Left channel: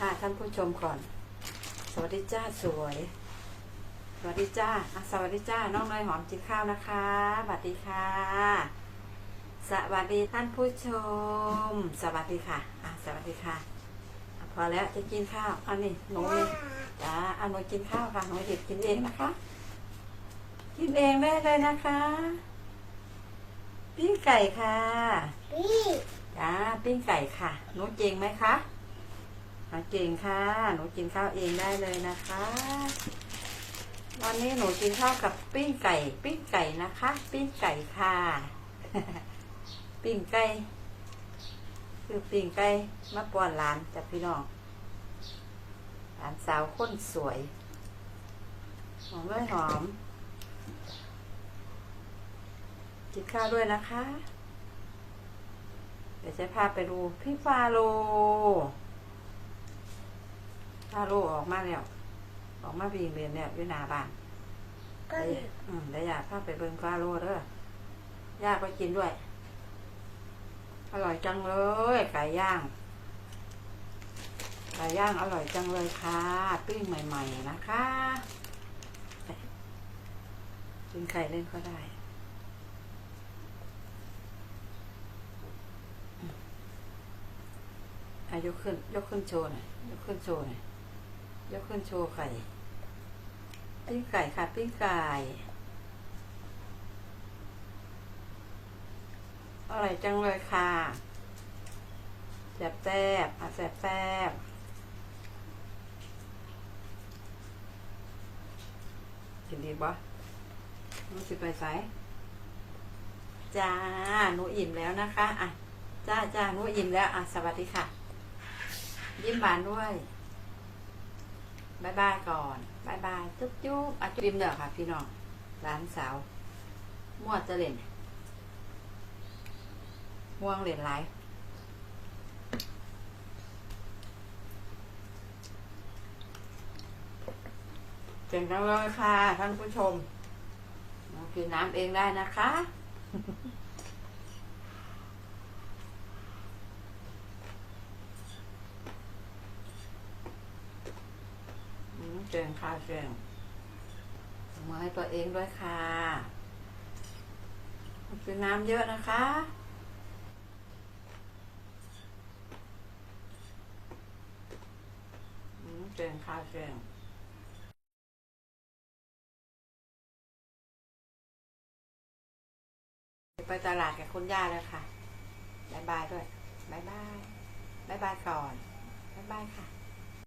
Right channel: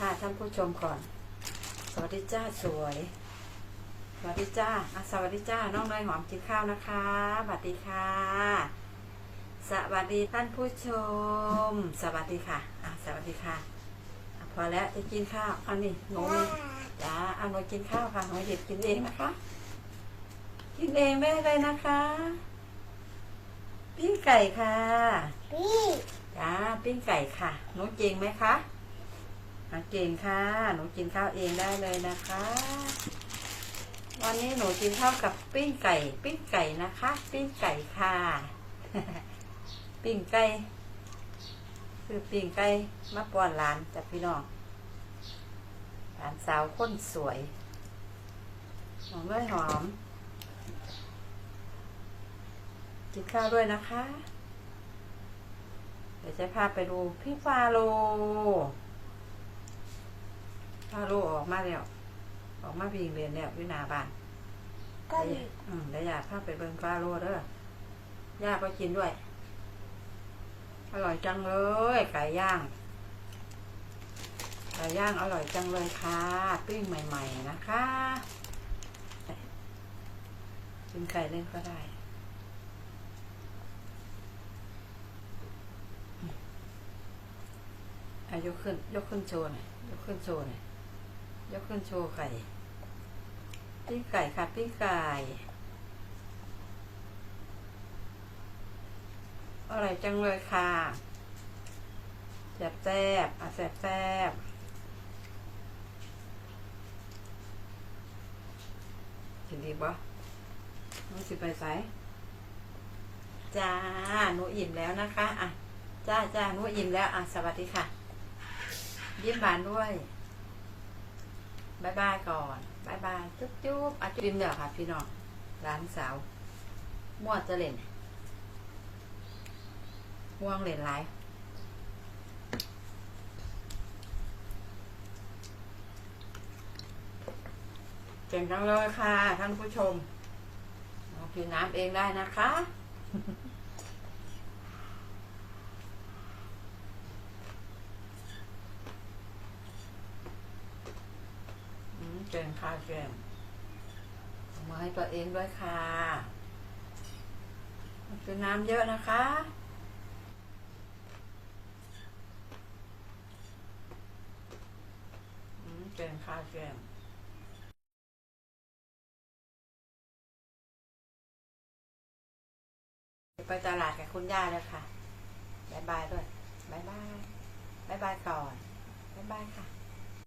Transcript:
ค่ะ ท่านผู้ชมก่อน สวัสดีจ้าสวย สวัสดีจ้าอะสวัสดีจ้า น้องน้อยหอมกินข้าวนะคะสวัสดีค่ะ สวัสดีท่านผู้ชม สวัสดีค่ะอะ สวัสดีค่ะอะ พอแล้วจะกินข้าวอันนี้หนูนี่จ้าอันหนูกินข้าวค่ะหนูหยิบกินเองนะคะ กินเองได้เลยนะคะ ปิ้งไก่ค่ะพี่จ้าปิ้งไก่ค่ะหนูเก่งไหมคะ อะเก่งค่ะ หนูกินข้าวเองได้เลยนะคะ วันนี้หนูกินข้าวกับปิ้งไก่ ปิ้งไก่นะคะ ปิ้งไก่ค่ะ ปิ้งไก่ คือปิ้งไก่มาป้อนหลานจากพี่น้องหลานสาวคนสวย หอมเลยหอม กินข้าวด้วยนะคะ เดี๋ยวจะพาไปดูพี่ฟาโล ฟาโลออกมาแล้วออกมาวิ่งเรียนแล้วอยู่หน้าบ้านก็เดี๋ยวอืมเดี๋ยวอยากพาไปเบิ่งฟาโลเด้อย่าก็กินด้วย อร่อยจังเลยไก่ย่างไก่ย่างอร่อยจังเลยค่ะปิ้งใหม่ ๆ นะคะกินไก่เล่นก็ได้อายกขึ้น ยกขึ้นโชว์หน่อยยกขึ้นโชว์หน่อย ยกขึ้นโชว์ไก่ปิ้งไก่ค่ะปิ้งไก่อร่อยจังเลยค่ะแซ่บแซ่บอะแซ่บแซ่บกินดีปะหนูสิไปไสจ้าหนูอิ่มแล้วนะคะ อะ จ้าจ้าหนูอิ่มแล้ว อะ สวัสดีค่ะ ยิ้มบานด้วย บายบายก่อนบายบายจุ๊บจุ๊บอะจุ๊บยิ้มเด้อค่ะ พี่น้องร้านสาวม่วจะเล่นม่วงเล่นไรเจ๋งจังเลยค่ะ ท่านผู้ชมเรากินน้ำเองได้นะคะ เก่งค่ะเก่งเอามาให้ตัวเองด้วยค่ะกินน้ำเยอะนะคะอืมเก่งค่ะเก่งไปตลาดกับคุณย่าเลยค่ะบายบายด้วยบายบายบายบายก่อนบายบายค่ะ